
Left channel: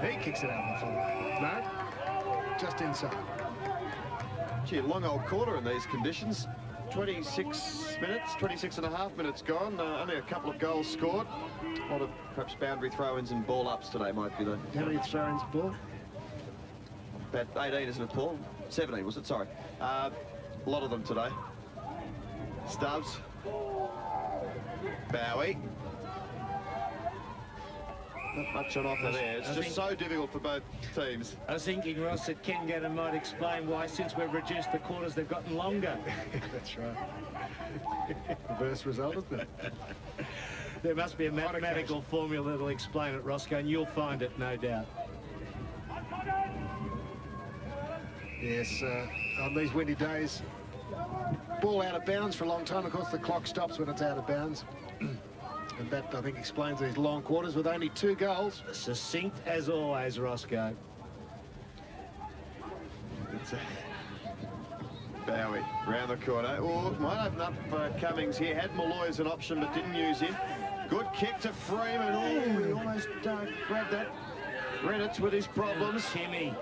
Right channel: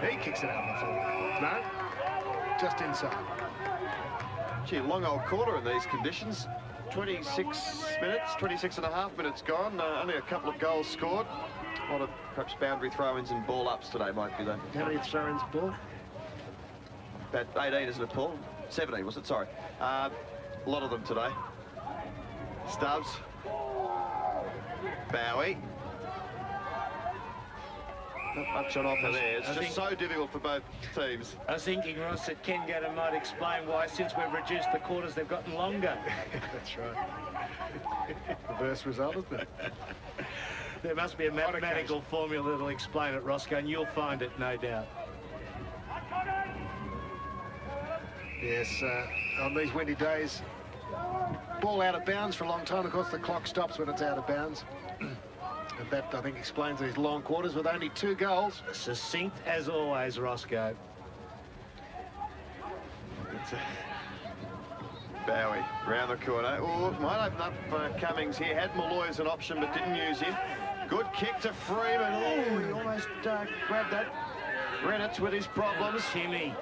He kicks it out in the full. No, just inside. Gee, a long old quarter in these conditions. 26 minutes, 26 and a half minutes gone. Only a couple of goals scored. A lot of perhaps boundary throw-ins and ball-ups today might be though. How many throw-ins, Paul? About 18, isn't it, Paul? 17, was it? Sorry. A lot of them today. Stubbs. Bowie. Not much on offer there. It's just so difficult for both teams. I was thinking, Ross, that Ken Gannon might explain why, since we've reduced the quarters, they've gotten longer. That's right. Reverse result, isn't it? There must be a mathematical formula that'll explain it, Roscoe, and you'll find it, no doubt. Yes, on these windy days, ball out of bounds for a long time. Of course, the clock stops when it's out of bounds. And that, I think, explains these long quarters with only 2 goals. Succinct as always, Roscoe. It's Bowie round the corner. Oh, might open up for Cummings here. Had Malloy as an option, but didn't use him. Good kick to Freeman. Oh, he almost grabbed that. Reddit's with his problems. Timmy.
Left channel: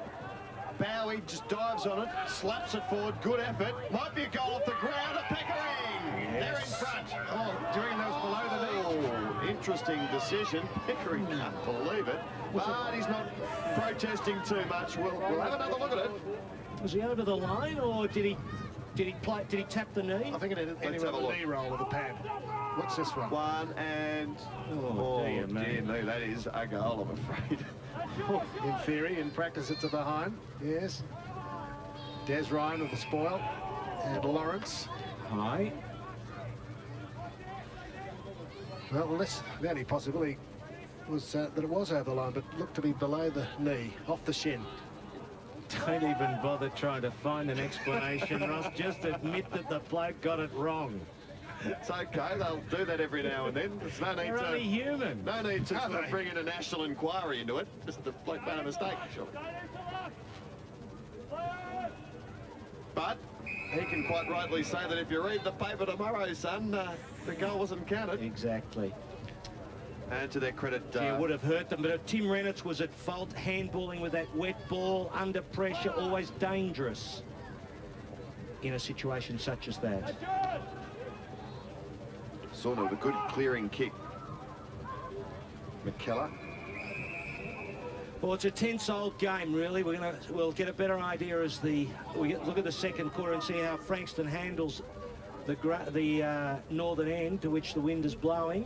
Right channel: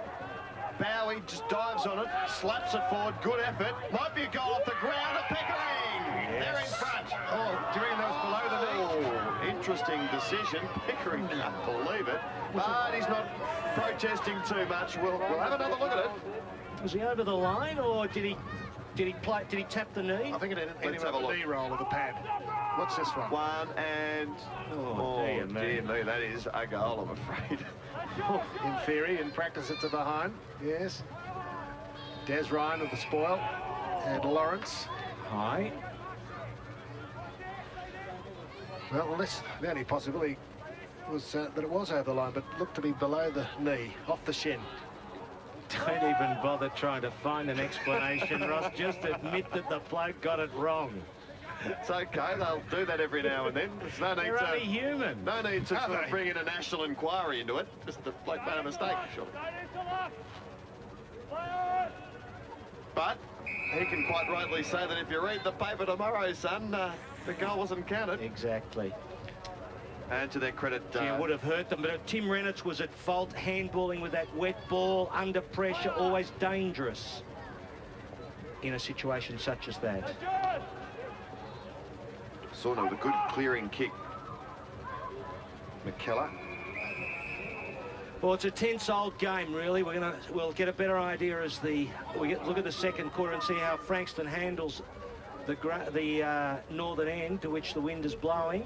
Bowie just dives on it, slaps it forward. Good effort. Might be a goal off the ground. A Pickering. Yes. They're in front. Oh, doing those below the knee. Oh, interesting decision. Pickering can't believe it. But he's not protesting too much. We'll have another look at it. Was he over the line, or did he tap the knee? I think it hit him on the knee roll of the pad. What's this one? One and... Oh, dear me, that is a goal, I'm afraid. In theory, in practice, it's a behind. Yes. Des Ryan with the spoil. And Lawrence. High. Well, the only possibility was that it was over the line, but looked to be below the knee, off the shin. Don't even bother trying to find an explanation, Ross. Just admit that the bloke got it wrong. It's okay, they'll do that every now and then. There's no need They're only human. No need to sort of bring in a national inquiry into it. Just the bloke made a mistake, sure. But he can quite rightly say that if you read the paper tomorrow, son, the goal wasn't counted. Exactly. And to their credit... Yeah, it would have hurt them, but if Tim Reynolds was at fault, handballing with that wet ball, under pressure, always dangerous in a situation such as that. Sort of a good clearing kick. McKellar. Well, it's a tense old game, really. We'll get a better idea as we look at the second quarter and see how Frankston handles the northern end to which the wind is blowing.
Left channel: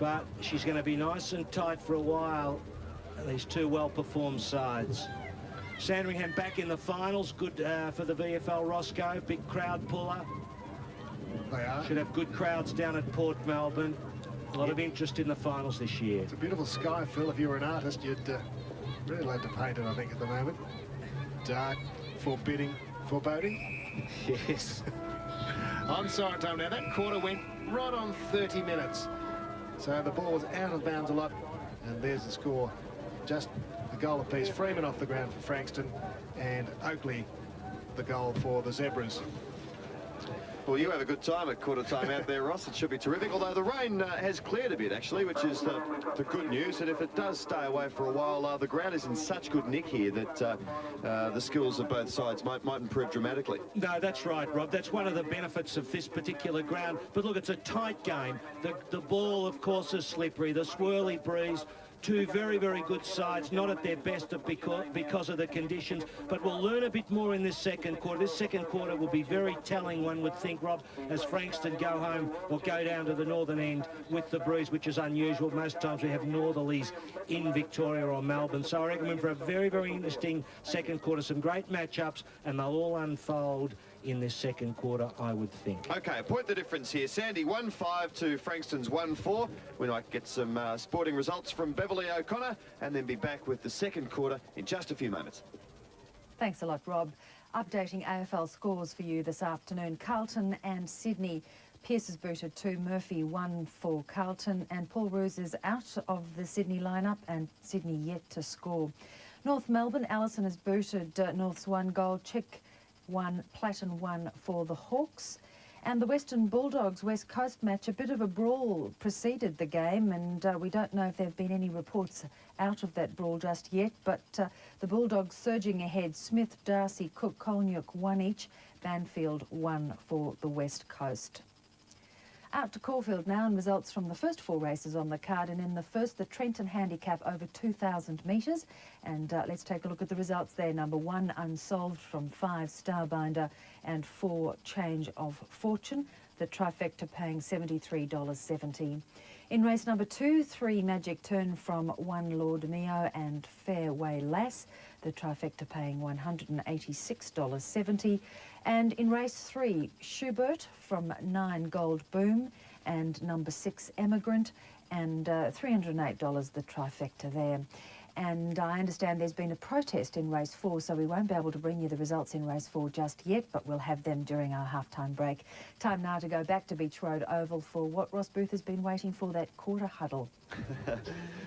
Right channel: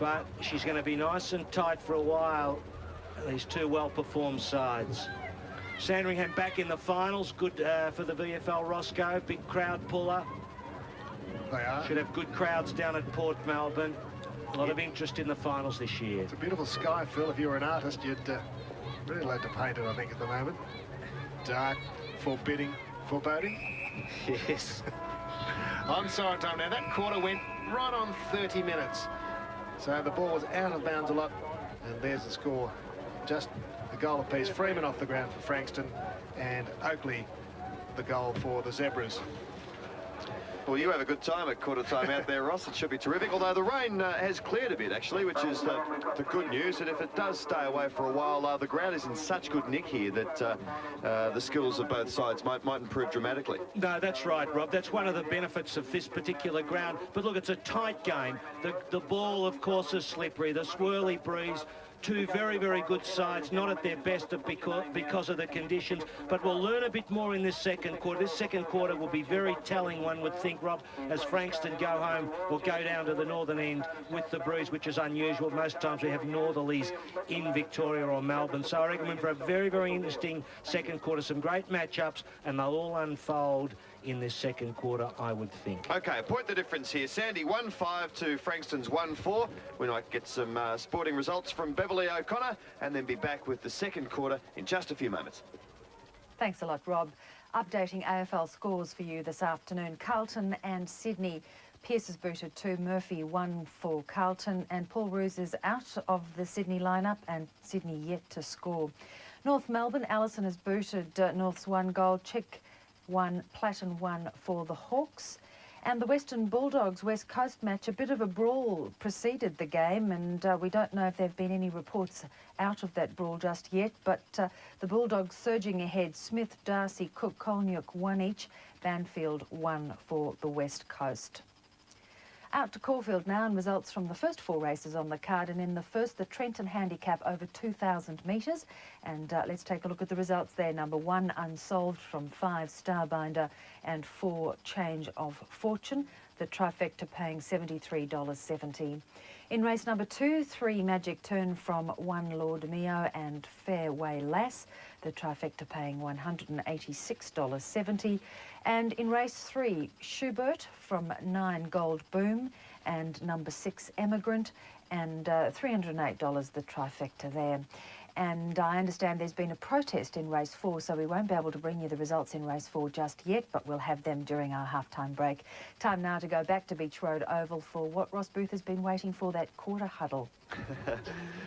But she's going to be nice and tight for a while, these two well-performed sides. Sandringham back in the finals, good for the VFL Roscoe, big crowd puller. They are. Should have good crowds down at Port Melbourne. A lot of interest in the finals this year. It's a beautiful sky, Phil. If you were an artist, you'd really like to paint it, I think, at the moment. Dark, forbidding, foreboding. Yes. Onside time. Now, that quarter went right on 30 minutes. So the ball was out of bounds a lot, and there's the score. Just a goal apiece. Freeman off the ground for Frankston, and Oakley the goal for the Zebras. Well, you have a good time at quarter time out there, Ross. It should be terrific, although the rain has cleared a bit, actually, which is the good news. And if it does stay away for a while, the ground is in such good nick here that the skills of both sides might improve dramatically. No, that's right, Rob. That's one of the benefits of this particular ground. But look, it's a tight game. The ball, of course, is slippery. The swirly breeze. Two very, very good sides, not at their best because of the conditions, but we'll learn a bit more in this second quarter. This second quarter will be very telling, one would think, Rob, as Frankston go home or go down to the northern end with the breeze, which is unusual. Most times we have northerlies in Victoria or Melbourne. So I reckon we're in for a very, very interesting second quarter, some great matchups, and they'll all unfold in this second quarter, I would think. Okay, point the difference here. Sandy 1-5 to Frankston's 1-4. We might get some sporting results from Beverly O'Connor and then be back with the second quarter in just a few moments. Thanks a lot, Rob. Updating AFL scores for you this afternoon. Carlton and Sydney. Pearce has booted 2, Murphy 1 for Carlton, and Paul Roos is out of the Sydney lineup and Sydney yet to score. North Melbourne, Allison has booted North's 1 goal, Chick 1, Platten 1 for the Hawks. And the Western Bulldogs West Coast match, a bit of a brawl preceded the game, and we don't know if there have been any reports out of that brawl just yet, but the Bulldogs surging ahead. Smith, Darcy, Cook, Kolniuk 1 each, Banfield 1 for the West Coast. Out to Caulfield now, and results from the first 4 races on the card. And in the first, the Trenton Handicap over 2,000 metres. And let's take a look at the results there. Number 1, Unsolved from 5, Starbinder, and 4, Change of Fortune. The trifecta paying $73.70. In race number 2, 3, Magic Turn from 1, Lord Mio, and Fairway Lass. The trifecta paying $186.70. And in race 3, Schubert from 9, Gold Boom, and number 6, Emigrant, and $308 the trifecta there. And I understand there's been a protest in race 4, so we won't be able to bring you the results in race 4 just yet, but we'll have them during our halftime break. Time now to go back to Beach Road Oval for what Ross Booth has been waiting for, that quarter huddle.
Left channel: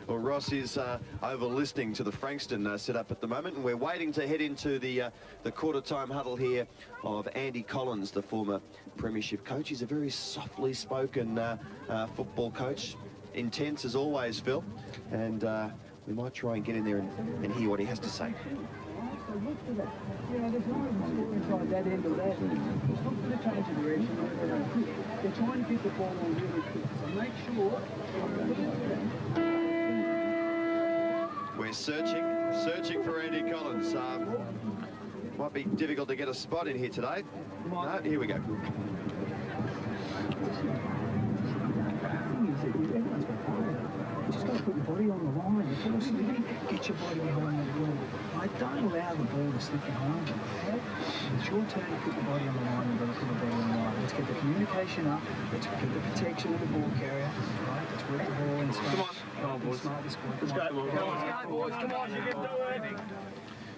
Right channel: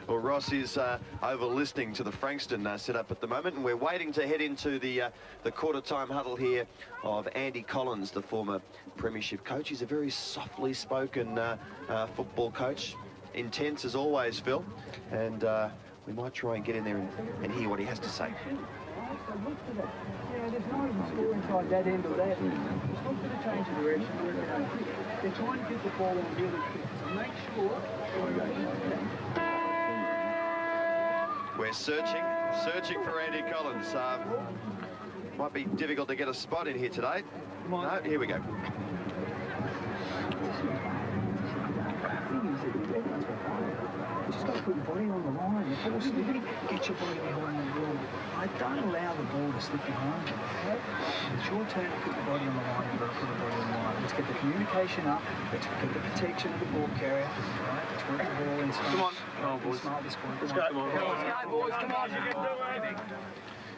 Well, Ross is over listening to the Frankston setup at the moment, and we're waiting to head into the quarter-time huddle here of Andy Collins, the former premiership coach. He's a very softly spoken football coach, intense as always, Phil, and we might try and get in there and hear what he has to say. Yeah, there's not even score inside that end of that. It's not going to change the direction. They're trying to pick the ball on really quick, so make sure. We're searching for Andy Collins. Might be difficult to get a spot in here today. No, here we go. Just got to put your body on the line. Get your body on the line. Don't allow the ball to slip behind you. It's your turn to put the body on the line. You've got to put the body on the line. Let's get the communication up. Let's get the protection of the ball carrier. Right? Let's work the ball inside. Come on. Come on, boys. Let's go. Let's go, boys. Come on.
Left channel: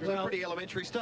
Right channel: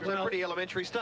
So pretty elementary stuff.